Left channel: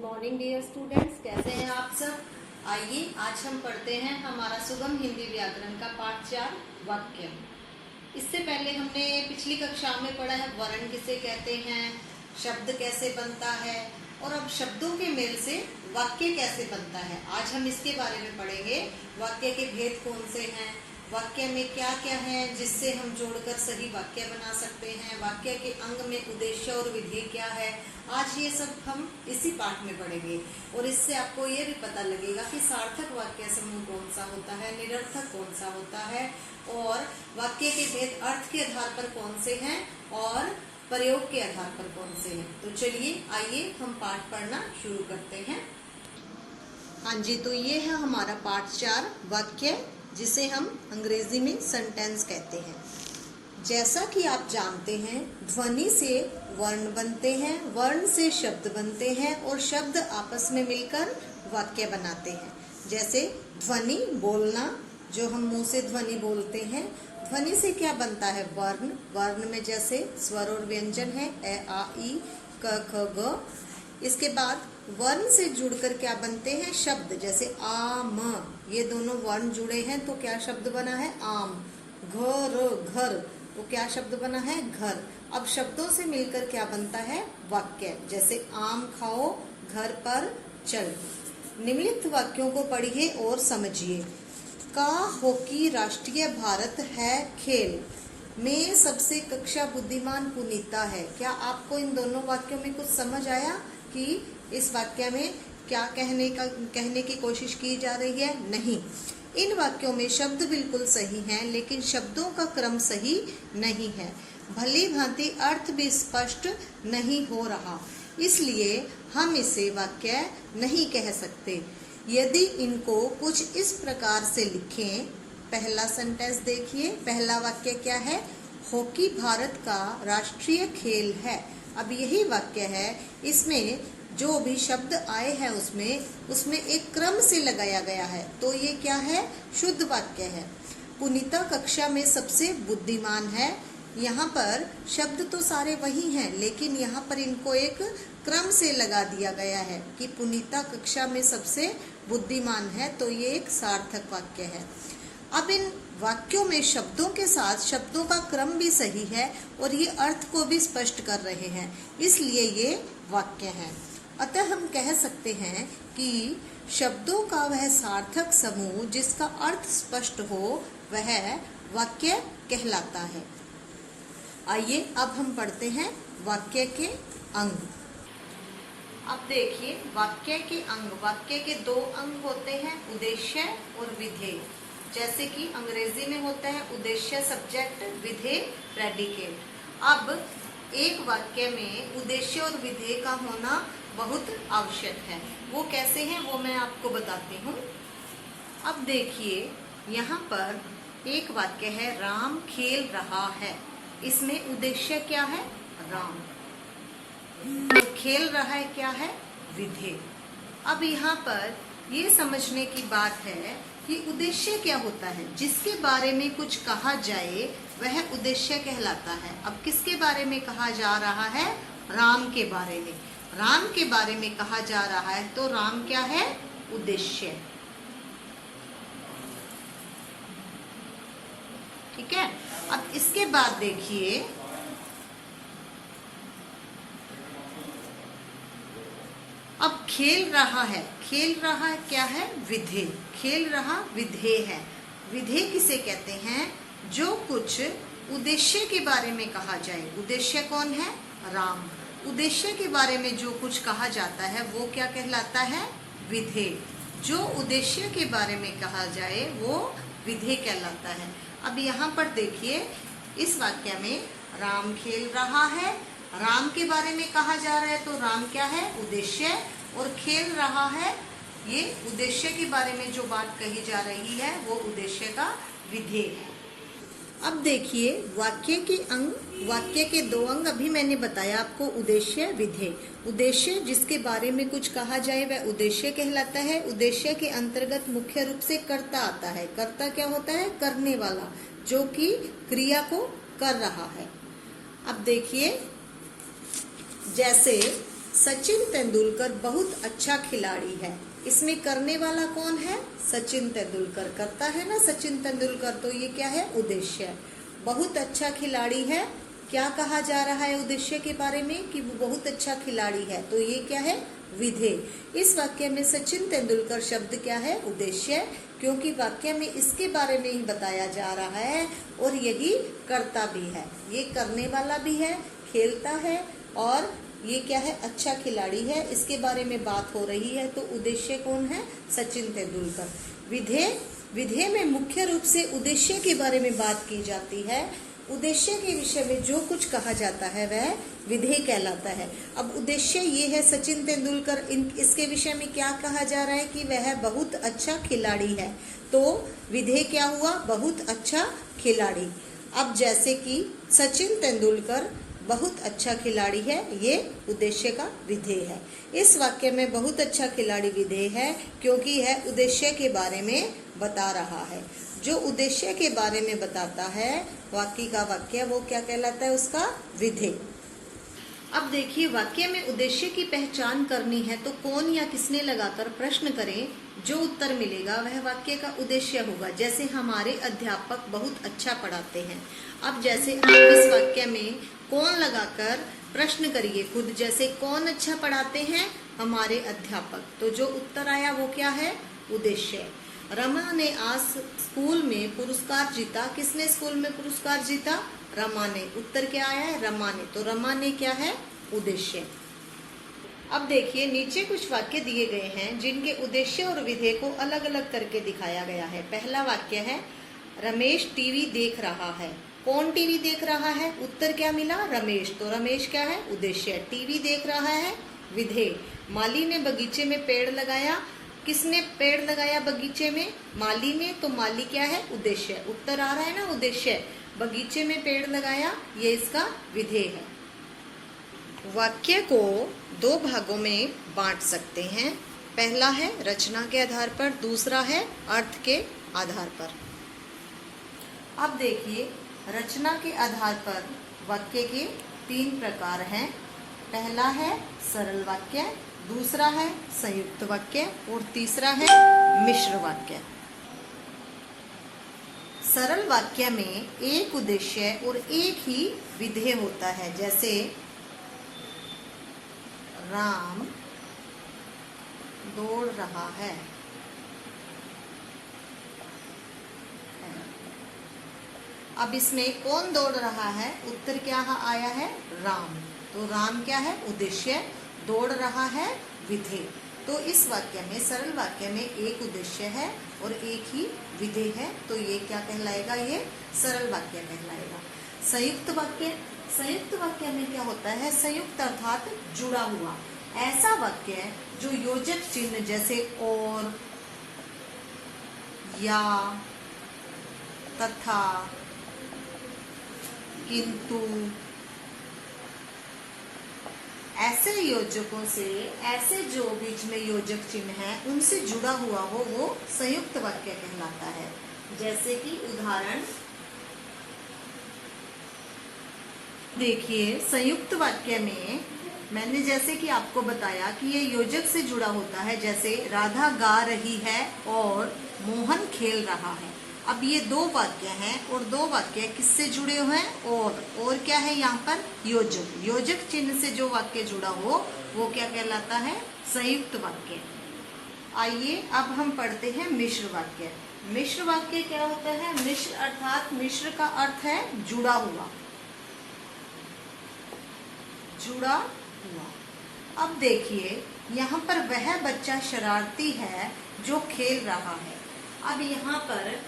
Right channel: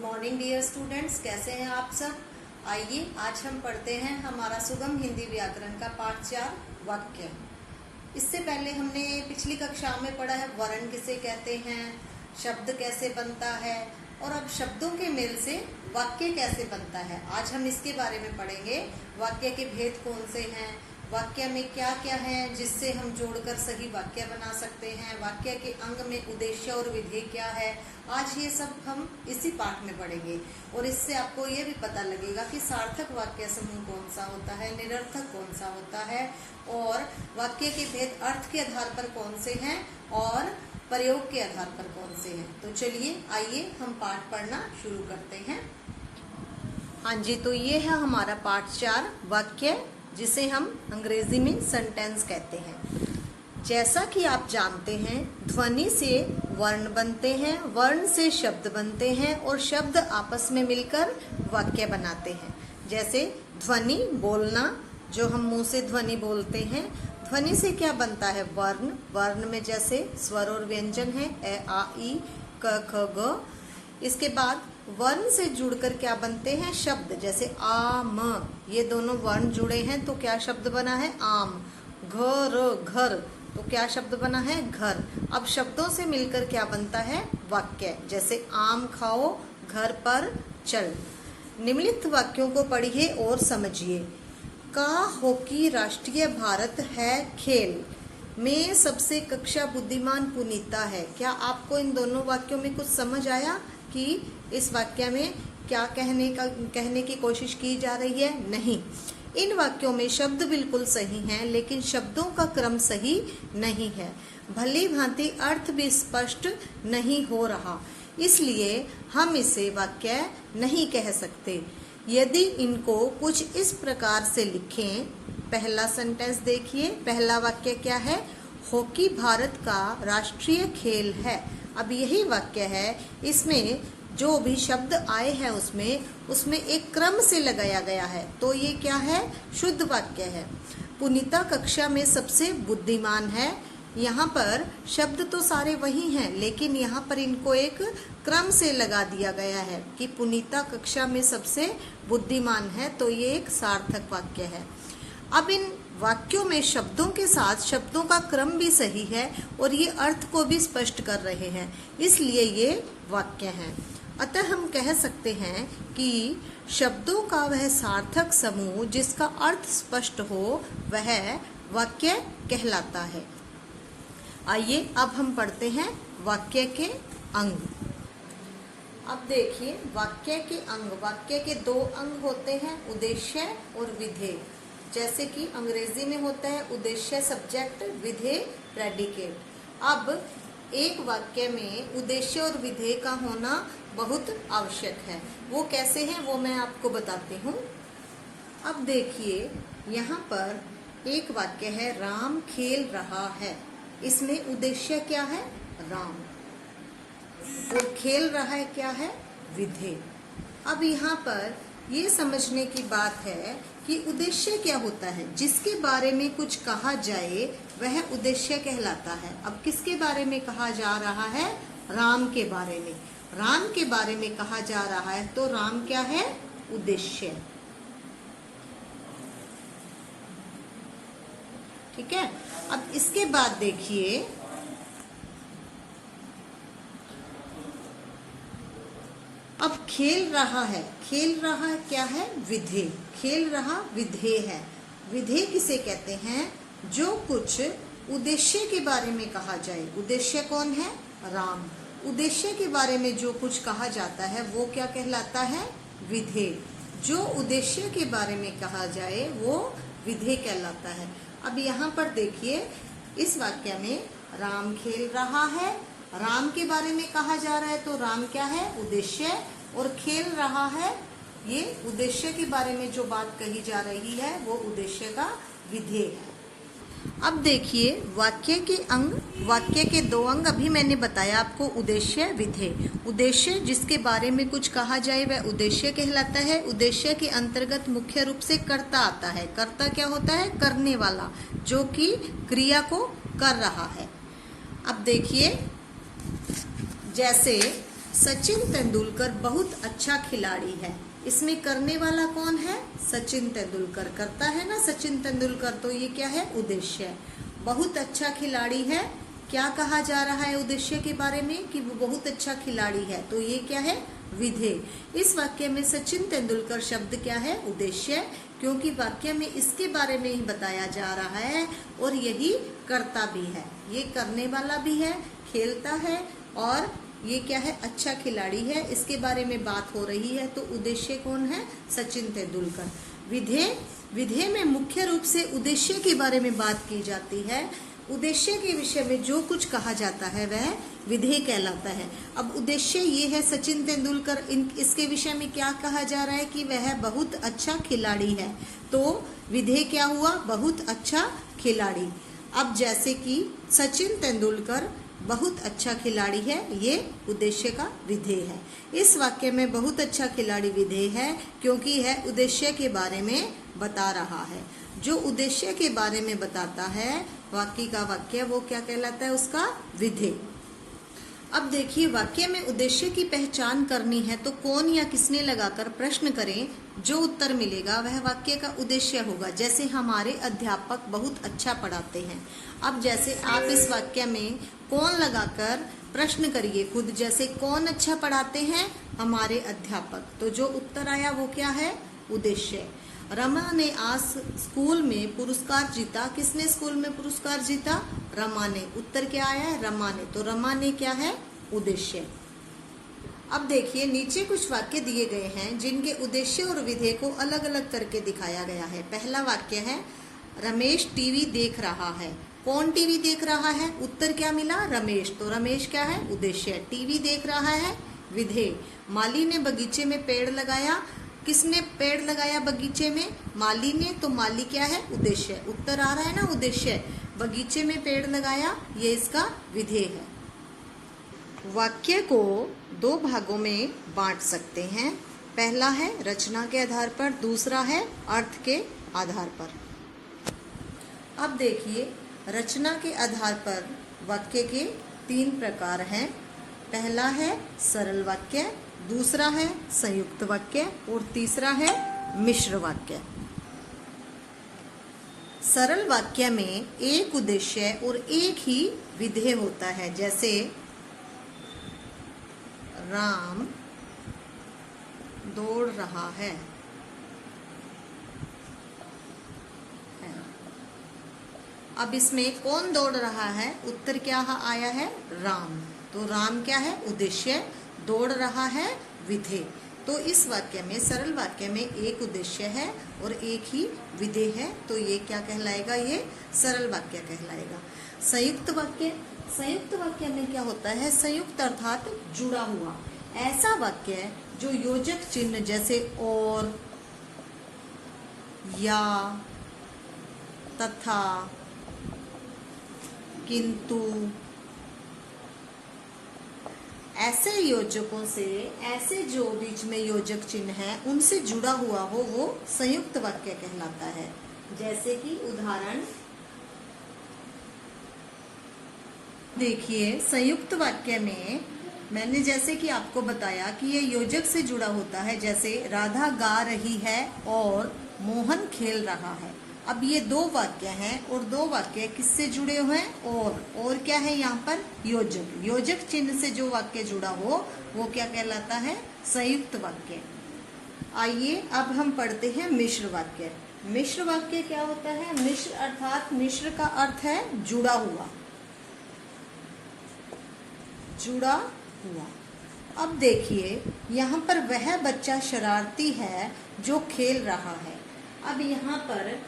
Good morning dear students, कैसे हैं आप सब। आइए आज हम पढ़ते हैं हमारा सुगम हिंदी व्याकरण का पाठ 4 वाक्य। इससे पहले हमने पिछली कक्षा में पढ़ा है वर्ण किसे कहते हैं, शब्द कैसे बनता है और अब शब्दों के मेल से वाक्य कैसे बनता है। आज हम इसके बारे में पढ़ेंगे। वाक्य के भेद कौन से हैं, वाक्य में क्या क्या है जिससे हम जोड़कर सही वाक्य बना सकते हैं, वाक्य के अंग में उद्देश्य और विधेय क्या है। आज ये सब हम इसी पाठ में पढ़ेंगे और इससे आपको ये भी पता लगेगा कि सार्थक वाक्य समूह कौन सा होता है, निरर्थक कौन सा होता है और वाक्य के भेद अर्थ के आधार पर कौन से हैं और प्रयोग के आधार पर कौन से हैं। तो चलिए आइए हम पाठ पढ़ना शुरू करते हैं। हाँ जी, तो ये है हमारा पाठ 4 वाक्य, जिसे हम अंग्रेजी में सेंटेंस कहते हैं। जैसा कि आप जानते हैं, ध्वनि से वर्ण बनते हैं, वर्ण से शब्द बनते हैं और शब्द आपस में मिलकर वाक्य बनाते हैं। जैसे ध्वनि बोलना, जो हम मुंह से ध्वनि बोलते हैं, ध्वनि से क्या बनता है, वर्ण। वर्ण में जैसे स्वर और व्यंजन है, ए आ ई क ख ग। इसके बाद वर्ण से जुड़कर क्या बनते हैं, शब्द। जैसे आ म, ये दोनों वर्ण जुड़े हैं तो क्या शब्द बना है, आम। घर घर, तो क्या शब्द बना है, घर। अब शब्दों से मिलकर क्या बनता है, वाक्य। जैसे आम खाओ, घर पर चल। निम्नलिखित वाक्यों को पढ़िए और समझिए। का हॉकी राष्ट्रीय भारत है खेल में सबसे कक्षा बुद्धिमान पुनीता है। क्या आपको इन दोनों वाक्यों में कुछ समझ आया कि इस वाक्य में क्या कहने की कोशिश की जा रही है? नहीं। इन वाक्यों में शब्द बिल्कुल सही हैं, लेकिन शब्दों का क्रम सही नहीं है। भली भांति अर्थ भी स्पष्ट नहीं हो रहा, इसलिए हम इसे वाक्य नहीं कह सकते। यदि इनको कुछ इस प्रकार से लिखें, पहला सेंटेंस देखिए, पहला वाक्य क्या है, हॉकी भारत का राष्ट्रीय खेल है। अब यही वाक्य है, इसमें जो भी शब्द आए हैं उसमें एक क्रम से लगाया गया है, तो ये क्या है, शुद्ध वाक्य है। पुनीता कक्षा में सबसे बुद्धिमान है। यहाँ पर शब्द तो सारे वही हैं, लेकिन यहाँ पर इनको एक क्रम से लगा दिया गया है कि पुनीता कक्षा में सबसे बुद्धिमान है, तो ये एक सार्थक वाक्य है। अब इन वाक्यों में शब्दों के साथ शब्दों का क्रम भी सही है और ये अर्थ को भी स्पष्ट कर रहे हैं, इसलिए ये वाक्य है। अतः हम कह सकते हैं कि शब्दों का वह सार्थक समूह जिसका अर्थ स्पष्ट हो, वह वाक्य कहलाता है। आइए अब हम पढ़ते हैं वाक्य के अंग। अब देखिए वाक्य के अंग। वाक्य के 2 अंग होते हैं, उद्देश्य और विधेय। जैसे कि अंग्रेजी में होता है उद्देश्य सब्जेक्ट, विधेय प्रेडिकेट। अब एक वाक्य में उद्देश्य और विधेय का होना बहुत आवश्यक है। वो कैसे हैं वो मैं आपको बताती हूँ। अब देखिए यहाँ पर एक वाक्य है, राम खेल रहा है। इसमें उद्देश्य क्या है, राम। तो खेल रहा है क्या है, विधेय। अब यहाँ पर ये समझने की बात है कि उद्देश्य क्या होता है। जिसके बारे में कुछ कहा जाए वह उद्देश्य कहलाता है। अब किसके बारे में कहा जा रहा है, राम के बारे में। राम के बारे में कहा जा रहा है तो राम क्या है, उद्देश्य। ठीक है। अब इसके बाद देखिए, अब खेल रहा है, खेल रहा क्या है, विधेय। खेल रहा विधेय है। विधेय किसे कहते हैं, जो कुछ उद्देश्य के बारे में कहा जाए। उद्देश्य कौन है, राम। उद्देश्य के बारे में जो कुछ कहा जाता है वो क्या कहलाता है, विधेय। जो उद्देश्य के बारे में कहा जाए वो विधेय कहलाता है। अब यहाँ पर देखिए, इस वाक्य में राम खेल रहा है, राम के बारे में कहा जा रहा है तो राम क्या है, उद्देश्य, और खेल रहा है, ये उद्देश्य के बारे में जो बात कही जा रही है वो उद्देश्य का विधेय है। अब देखिए वाक्य के अंग। वाक्य के 2 अंग अभी मैंने बताया आपको, उद्देश्य, विधेय। उद्देश्य जिसके बारे में कुछ कहा जाए वह उद्देश्य कहलाता है। उद्देश्य के अंतर्गत मुख्य रूप से कर्ता आता है। कर्ता क्या होता है, करने वाला, जो कि क्रिया को कर रहा है। अब देखिए, जैसे सचिन तेंदुलकर बहुत अच्छा खिलाड़ी है। इसमें करने वाला कौन है? सचिन तेंदुलकर। करता है ना सचिन तेंदुलकर, तो ये क्या है? उद्देश्य। बहुत अच्छा खिलाड़ी है। क्या कहा जा रहा है उद्देश्य के बारे में कि वो बहुत अच्छा खिलाड़ी है, तो ये क्या है? विधेय। इस वाक्य में सचिन तेंदुलकर शब्द क्या है? उद्देश्य, क्योंकि वाक्य में इसके बारे में ही बताया जा रहा है और यही करता भी है। ये करने वाला भी है, खेलता है और ये क्या है? अच्छा खिलाड़ी है। इसके बारे में बात हो रही है, तो उद्देश्य कौन है? सचिन तेंदुलकर। विधेय, विधेय में मुख्य रूप से उद्देश्य के बारे में बात की जाती है। उद्देश्य के विषय में जो कुछ कहा जाता है वह विधेय कहलाता है। अब उद्देश्य ये है सचिन तेंदुलकर, इसके विषय में क्या कहा जा रहा है कि वह बहुत अच्छा खिलाड़ी है, तो विधेय क्या हुआ? बहुत अच्छा खिलाड़ी। अब जैसे कि सचिन तेंदुलकर बहुत अच्छा खिलाड़ी है, ये उद्देश्य का विधेय है। इस वाक्य में बहुत अच्छा खिलाड़ी विधेय है, क्योंकि यह उद्देश्य के बारे में बता रहा है। जो उद्देश्य के बारे में बताता है वाक्य का वाक्य, वो क्या कहलाता है? उसका विधेय। अब देखिए, वाक्य में उद्देश्य की पहचान करनी है तो कौन या किसने लगाकर प्रश्न करें, जो उत्तर मिलेगा वह वाक्य का उद्देश्य होगा। जैसे हमारे अध्यापक बहुत अच्छा पढ़ाते हैं। अब जैसे आप इस वाक्य में कौन लगाकर प्रश्न करिए खुद, जैसे कौन अच्छा पढ़ाते हैं? हमारे अध्यापक। तो जो उत्तर आया वो क्या है? उद्देश्य। रमा ने आज स्कूल में पुरस्कार जीता। किसने स्कूल में पुरस्कार जीता? रमा ने। उत्तर क्या आया है? रमा ने। तो रमा ने क्या है? उद्देश्य। अब देखिए, नीचे कुछ वाक्य दिए गए हैं जिनके उद्देश्य और विधेय को अलग अलग करके दिखाया गया है। पहला वाक्य है, रमेश टीवी देख रहा है। कौन टीवी देख रहा है? उत्तर क्या मिला? रमेश। तो रमेश क्या है? उद्देश्य। टीवी देख रहा है, विधेय। माली ने बगीचे में पेड़ लगाया। किसने पेड़ लगाया बगीचे में? माली ने। तो माली क्या है? उद्देश्य। उत्तर आ रहा है ना? उद्देश्य। बगीचे में पेड़ लगाया, ये इसका विधेय है। वाक्य को दो भागों में बांट सकते हैं। पहला है रचना के आधार पर, दूसरा है अर्थ के आधार पर। अब देखिए, रचना के आधार पर वाक्य के 3 प्रकार हैं। पहला है सरल वाक्य, दूसरा है संयुक्त वाक्य और तीसरा है मिश्र वाक्य। सरल वाक्य में एक उद्देश्य और एक ही विधेय होता है। जैसे राम दौड़ रहा है। अब इसमें कौन दौड़ रहा है? उत्तर क्या आया है? राम। तो राम क्या है? उद्देश्य। दौड़ रहा है, विधेय। तो इस वाक्य में, सरल वाक्य में एक उद्देश्य है और एक ही विधेय है, तो ये क्या कहलाएगा? ये सरल वाक्य कहलाएगा। संयुक्त वाक्य, संयुक्त वाक्य में क्या होता है? संयुक्त अर्थात जुड़ा हुआ। ऐसा वाक्य जो योजक चिन्ह जैसे और, या, तथा, किंतु, ऐसे योजकों से, ऐसे जो बीच में योजक चिन्ह है उनसे जुड़ा हुआ हो, वो संयुक्त वाक्य कहलाता है। जैसे कि उदाहरण देखिए, संयुक्त वाक्य में मैंने जैसे कि आपको बताया कि ये योजक से जुड़ा होता है। जैसे राधा गा रही है और मोहन खेल रहा है। अब ये 2 वाक्य हैं और 2 वाक्य किससे जुड़े हुए हैं? और क्या है यहाँ पर? योजक। योजक चिन्ह से जो वाक्य जुड़ा हो वो क्या कहलाता है? संयुक्त वाक्य। आइए अब हम पढ़ते हैं मिश्र वाक्य। मिश्र वाक्य क्या होता है? मिश्र अर्थात, मिश्र का अर्थ है जुड़ा हुआ, जुड़ा हुआ। अब देखिए, यहाँ पर वह बच्चा शरारती है जो खेल रहा है। अब यहाँ पर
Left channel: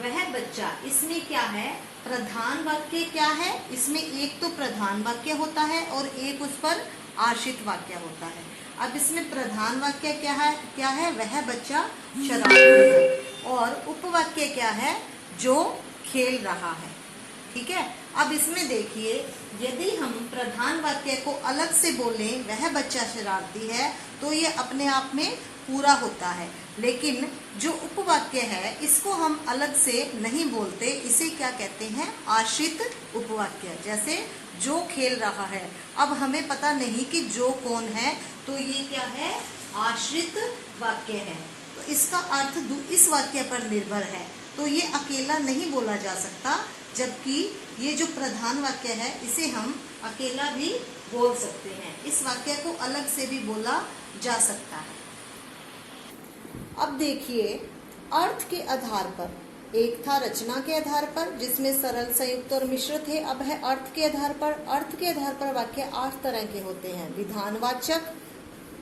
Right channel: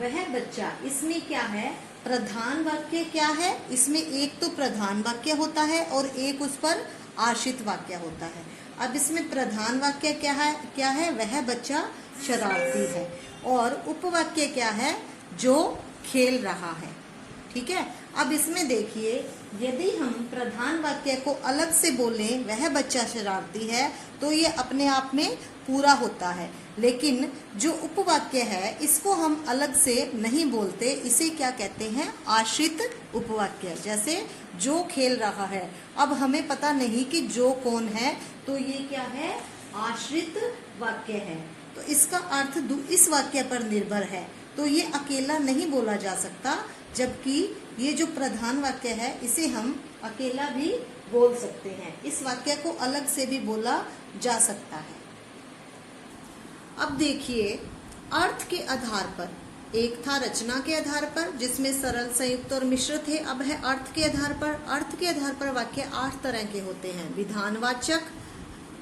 वह बच्चा, इसमें क्या है? प्रधान वाक्य क्या है? इसमें एक तो प्रधान वाक्य होता है और एक उस पर आश्रित वाक्य होता है। अब इसमें प्रधान वाक्य क्या है? क्या है? वह बच्चा शरारती है। और उपवाक्य क्या है? जो खेल रहा है। ठीक है। अब इसमें देखिए, यदि हम प्रधान वाक्य को अलग से बोलें, वह बच्चा शरारती है, तो ये अपने आप में पूरा होता है। लेकिन जो उपवाक्य है इसको हम अलग से नहीं बोलते, इसे क्या कहते हैं, आश्रित उपवाक्य। जैसे जो खेल रहा है, अब हमें पता नहीं कि जो कौन है, तो ये क्या है, आश्रित वाक्य है। तो इसका अर्थ इस वाक्य पर निर्भर है, तो ये अकेला नहीं बोला जा सकता, जबकि ये जो प्रधान वाक्य है इसे हम अकेला भी बोल सकते हैं। इस वाक्य को अलग से भी बोला जा सकता है। अब देखिए, अर्थ के आधार पर, एक था रचना के आधार पर जिसमें सरल, संयुक्त और मिश्र थे। अब है अर्थ के आधार पर। अर्थ के आधार पर वाक्य 8 तरह के होते हैं। विधानवाचक,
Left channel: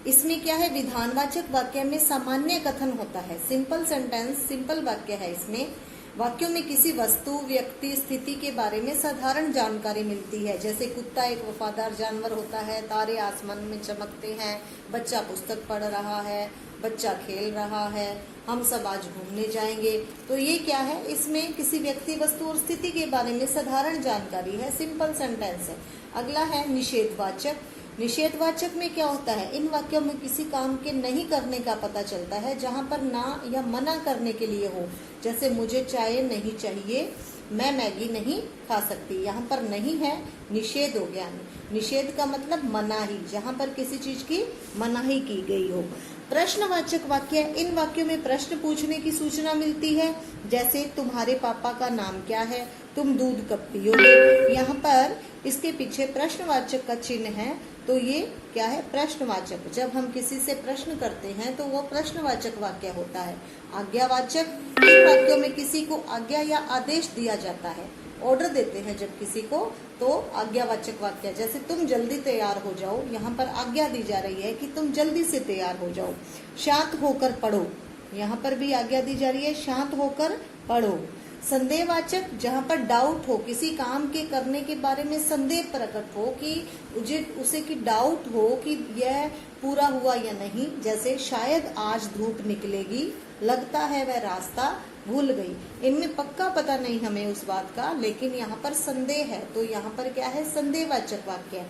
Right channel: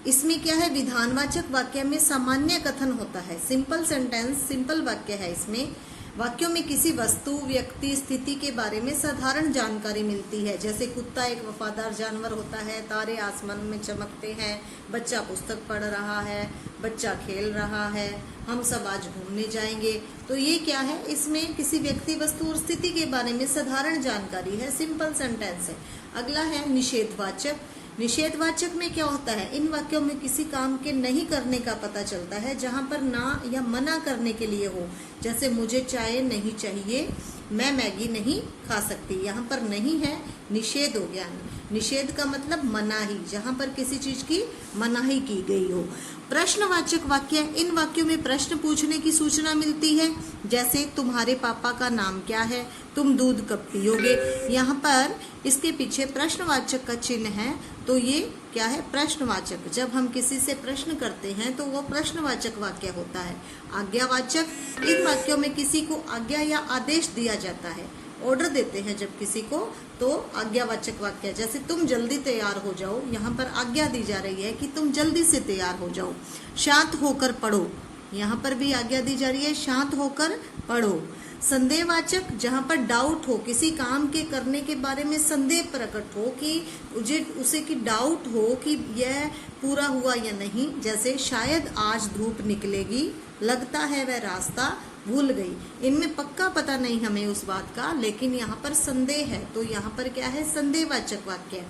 इसमें क्या है, विधानवाचक वाक्य में सामान्य कथन होता है, सिंपल सेंटेंस, सिंपल वाक्य है। इसमें वाक्यों में किसी वस्तु, व्यक्ति, स्थिति के बारे में साधारण जानकारी मिलती है। जैसे कुत्ता एक वफादार जानवर होता है, तारे आसमान में चमकते हैं, बच्चा पुस्तक पढ़ रहा है, बच्चा खेल रहा है, हम सब आज घूमने जाएंगे। तो ये क्या है, इसमें किसी व्यक्ति, वस्तु और स्थिति के बारे में साधारण जानकारी है, सिंपल सेंटेंस है। अगला है निषेधवाचक। निषेधवाचक में क्या होता है, इन वाक्यों में किसी काम के नहीं करने का पता चलता है जहां पर ना या मना करने के लिए हो। जैसे मुझे चाय नहीं चाहिए, मैं मैगी नहीं खा सकती, यहाँ पर नहीं है, निषेध हो गया। निषेध का मतलब मनाही, जहां पर किसी चीज की मनाही की गई हो। प्रश्नवाचक वाक्य, इन वाक्यों में प्रश्न पूछने की सूचना मिलती है। जैसे तुम्हारे पापा का नाम क्या है, तुम दूध कब पियोगे। यहाँ पर इसके पीछे प्रश्नवाचक का चिन्ह है, तो ये क्या है, प्रश्नवाचक। जब हम किसी से प्रश्न करते हैं तो वो प्रश्नवाचक वाक्य होता है। आज्ञावाचक, इन वाक्यों में किसी को आज्ञा या आदेश दिया जाता है, ऑर्डर देते हैं जब किसी को, तो आज्ञावाचक वाक्य। जैसे तुम जल्दी तैयार हो जाओ, यहाँ पर आज्ञा दी जा रही है कि तुम जल्दी से तैयार हो जाओ। शांत होकर पढ़ो, यहाँ पर भी आज्ञा दी जा रही है, शांत होकर पढ़ो। संदेहवाचक, जहाँ पर डाउट हो, किसी काम के करने के बारे में संदेह प्रकट हो, कि उसे की डाउट हो कि यह पूरा हुआ या नहीं। जैसे शायद आज धूप निकलेगी, लगता है वह रास्ता भूल गई। इनमें पक्का पता नहीं हमें उस बात का, लेकिन यहाँ पर संदेह है, तो यहाँ पर क्या है, संदेहवाचक वाक्य।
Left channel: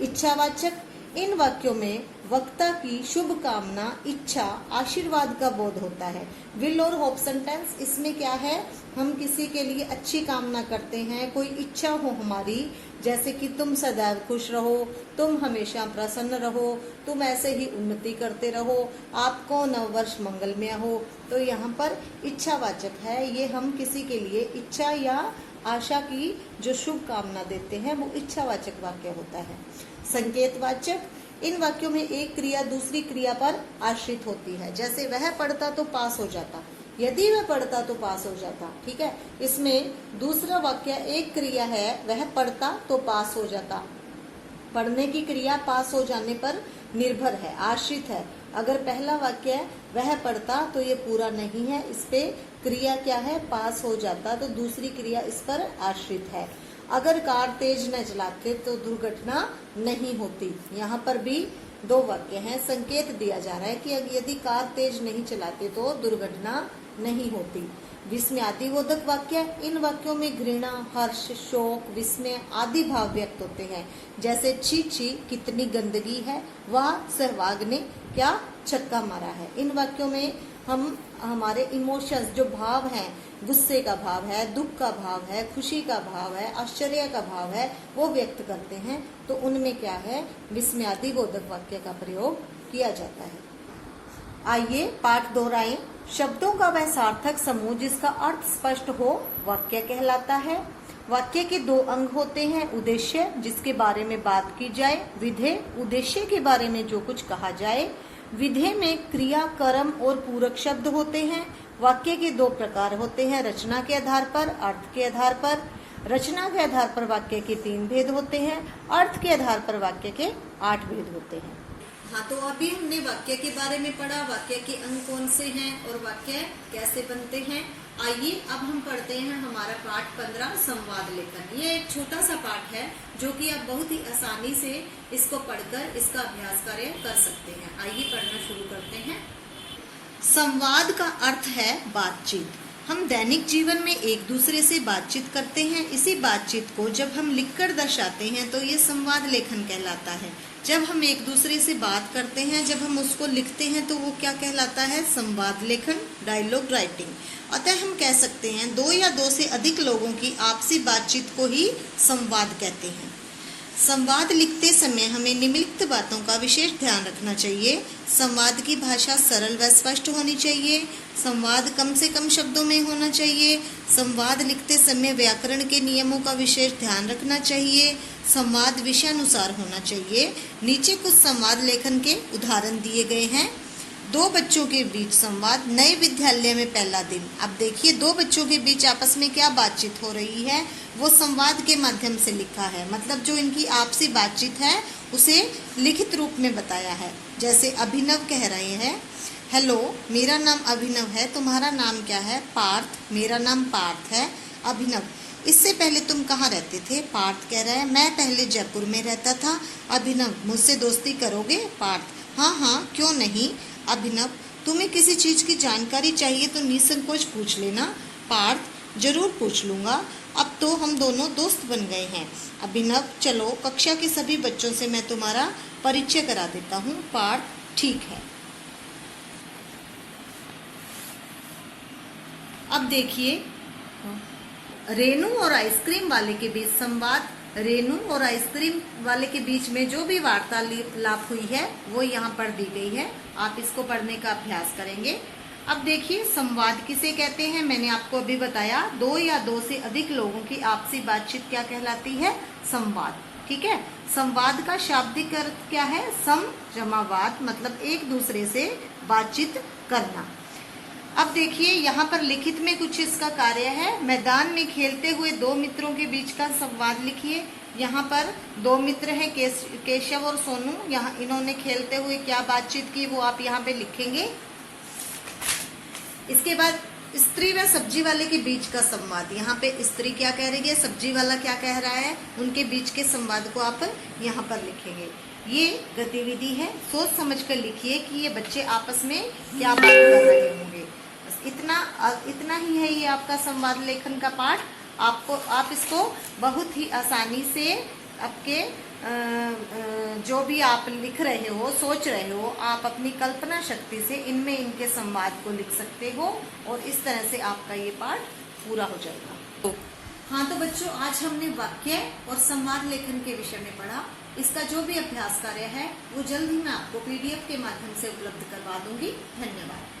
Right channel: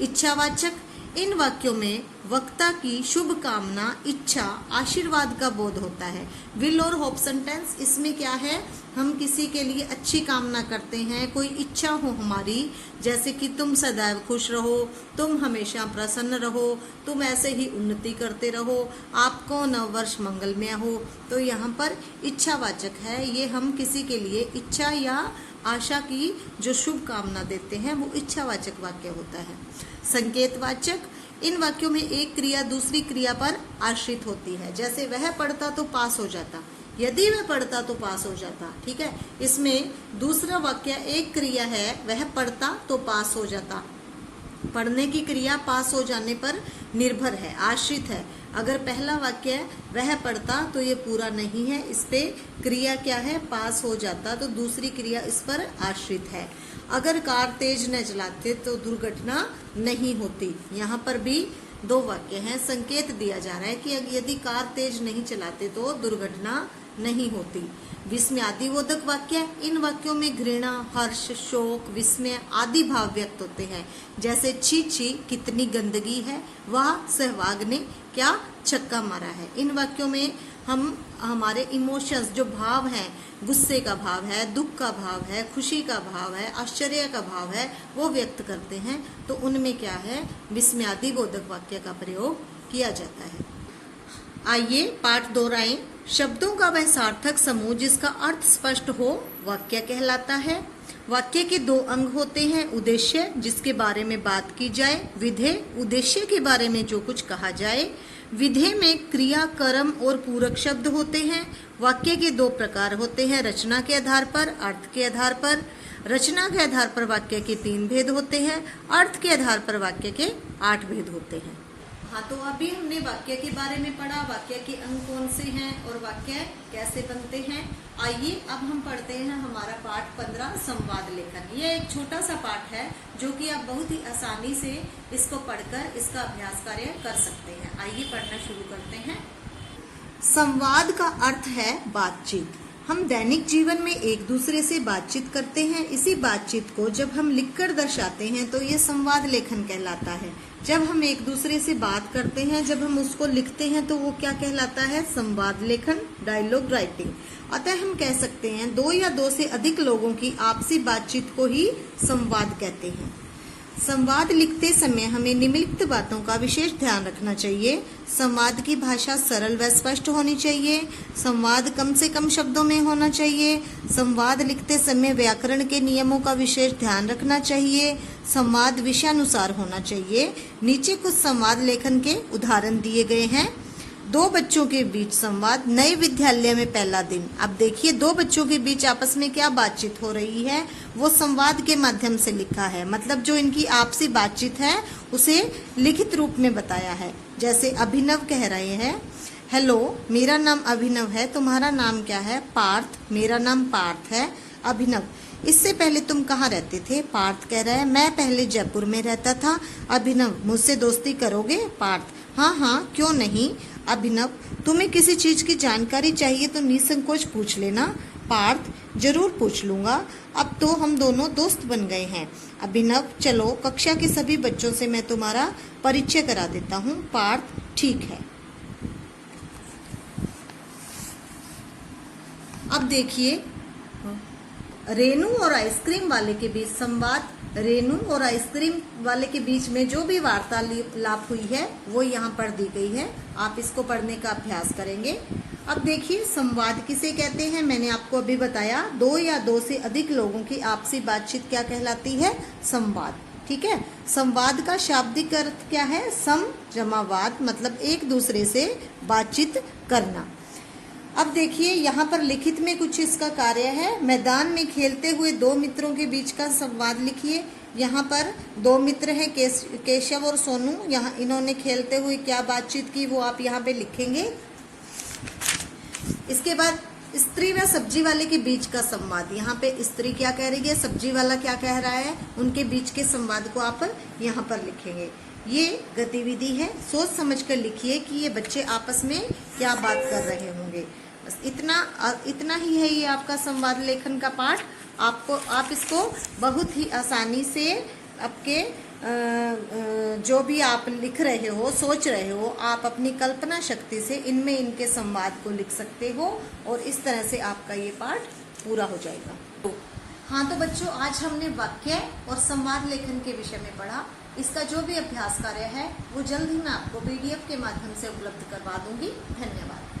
इच्छावाचक, इन वाक्यों में वक्ता की शुभ कामना, इच्छा, आशीर्वाद का बोध होता है। विल और होप सेंटेंस, इसमें क्या है, हम किसी के लिए अच्छी कामना करते हैं, कोई इच्छा हो हमारी, जैसे कि तुम सदैव खुश रहो, तुम हमेशा प्रसन्न रहो, तुम ऐसे ही उन्नति करते रहो, आपको नववर्ष मंगलमय हो। तो यहाँ पर इच्छावाचक है, ये हम किसी के लिए इच्छा या आशा की जो शुभ कामना देते हैं, वो इच्छावाचक वाक्य होता है। संकेतवाचक, इन वाक्यों में एक क्रिया दूसरी क्रिया पर आश्रित होती है। जैसे वह पढ़ता तो पास हो जाता, यदि वह पढ़ता तो पास हो जाता, ठीक है। इसमें दूसरा वाक्य एक क्रिया है, वह पढ़ता तो पास हो जाता। पढ़ने की क्रिया पास हो जाने पर निर्भर है, आश्रित है। अगर पहला वाक्य वह पढ़ता तो ये पूरा नहीं है, इस पे क्रिया क्या है, पास हो जाता, तो दूसरी क्रिया इस पर आश्रित है। अगर कार तेज न चलाते तो दुर्घटना नहीं होती। यहाँ पर भी 2 वाक्य हैं, संकेत दिया जा रहा है कि यदि कार तेज नहीं चलाते तो दुर्घटना नहीं होती। विस्मयादिबोधक वाक्य, इन वाक्यों में घृणा, हर्ष, शोक, विस्मय आदि भाव व्यक्त होते हैं। जैसे छी छी कितनी गंदगी है, वाह सहवाग ने क्या छक्का मारा है। इन वाक्यों में हम हमारे इमोशंस, जो भाव हैं, गुस्से का भाव है, दुख का भाव है, खुशी का भाव है, आश्चर्य का भाव है, वो व्यक्त करते हैं। तो उनमें क्या है, विस्मयादिबोधक वाक्य का प्रयोग किया जाता है। आइए पाठ दोहराएं। शब्दों का वह सार्थक समूह जिसका अर्थ स्पष्ट हो वाक्य कहलाता है। वाक्य के 2 अंग होते हैं, उद्देश्य जिसके बारे में बात की जाए, विधेय उद्देश्य के बारे में जो कुछ कहा जाए। विधेय में क्रिया, कर्म और पूरक शब्द होते हैं। वाक्य के 2 प्रकार होते हैं, रचना के आधार पर, अर्थ के आधार पर। रचना के आधार पर वाक्य के 3 भेद होते हैं, अर्थ के आधार पर वाक्य के 8 भेद होते हैं। हाँ, तो अभी हमने वाक्य के बारे में पढ़ा, वाक्य के अंग कौन से हैं और वाक्य कैसे बनते हैं। आइए अब हम पढ़ते हैं हमारा पाठ 15 संवाद लेखन। ये एक छोटा सा पाठ है जो कि आप बहुत ही आसानी से इसको पढ़कर इसका अभ्यास कार्य कर सकते हैं। आइए पढ़ना शुरू करते हैं। संवाद का अर्थ है बातचीत। हम दैनिक जीवन में एक दूसरे से बातचीत करते हैं। इसी बातचीत को जब हम लिखकर दर्शाते हैं तो ये संवाद लेखन कहलाता है। जब हम एक दूसरे से बात करते हैं, जब हम उसको लिखते हैं तो वो क्या कहलाता है? संवाद लेखन, डायलॉग राइटिंग। अतः हम कह सकते हैं दो या दो से अधिक लोगों की आपसी बातचीत को ही संवाद कहते हैं। संवाद लिखते समय हमें निम्नलिखित बातों का विशेष ध्यान रखना चाहिए। संवाद की भाषा सरल व स्पष्ट होनी चाहिए। संवाद कम से कम शब्दों में होना चाहिए। संवाद लिखते समय व्याकरण के नियमों का विशेष ध्यान रखना चाहिए। संवाद विषयानुसार होना चाहिए। नीचे कुछ संवाद लेखन के उदाहरण दिए गए हैं। दो बच्चों के बीच संवाद, नए विद्यालय में पहला दिन। अब देखिए, दो बच्चों के बीच आपस में क्या बातचीत हो रही है, वो संवाद के माध्यम से लिखा है। मतलब जो इनकी आपसी बातचीत है उसे लिखित रूप में बताया है। जैसे अभिनव कह रहे हैं, हेलो, मेरा नाम अभिनव है, तुम्हारा नाम क्या है? पार्थ। मेरा नाम पार्थ है। अभिनव, इससे पहले तुम कहाँ रहते थे? पार्थ कह रहा है, मैं पहले जयपुर में रहता था। अभिनव, मुझसे दोस्ती करोगे? पार्थ, हाँ हाँ, क्यों नहीं। अभिनव, तुम्हें किसी चीज की जानकारी चाहिए तो निसंकोच पूछ लेना। पार्थ, जरूर पूछ लूंगा। अब तो हम दोनों दोस्त बन गए हैं। अभिनव, चलो कक्षा के सभी बच्चों से मैं तुम्हारा परिचय करा देता हूँ। पार्थ, ठीक है। अब देखिए, रेनू और आइसक्रीम वाले के बीच संवाद। रेनू और आइसक्रीम वाले के बीच में जो भी वार्तालाप हुई है वो यहाँ पर दी गई है। आप इसको पढ़ने का अभ्यास करेंगे। अब देखिए, संवाद किसे कहते हैं? मैंने आपको अभी बताया, दो या दो से अधिक लोगों की आपसी बातचीत क्या कहलाती है? संवाद। ठीक है। संवाद का शाब्दिक अर्थ क्या है? सम जमा वाद, मतलब एक दूसरे से बातचीत करना। अब देखिए, यहाँ पर लिखित में कुछ इसका कार्य है। मैदान में खेलते हुए दो मित्रों के बीच का संवाद लिखिए। यहाँ पर दो मित्र हैं, केशव और सोनू। यहाँ इन्होंने खेलते हुए क्या बातचीत की वो आप यहाँ पे लिखेंगे। इसके बाद स्त्री व सब्जी वाले के बीच का संवाद। यहाँ पे स्त्री क्या कह रही है, सब्जी वाला क्या कह रहा है, उनके बीच के संवाद को आप यहाँ पर लिखेंगे। ये गतिविधि है, सोच समझकर लिखिए कि ये बच्चे आपस में क्या बात कर रहे होंगे। बस इतना ही है ये आपका संवाद लेखन का पाठ। आप इसको बहुत ही आसानी से आपके जो भी आप लिख रहे हो, सोच रहे हो, आप अपनी कल्पना शक्ति से इनमें इनके संवाद को लिख सकते हो और इस तरह से आपका ये पाठ पूरा हो जाएगा। हाँ तो बच्चों, आज हमने वाक्य और संवाद लेखन के विषय में पढ़ा। इसका जो भी अभ्यास कार्य है वो जल्द ही मैं आपको PDF के माध्यम से उपलब्ध करवा दूंगी। धन्यवाद।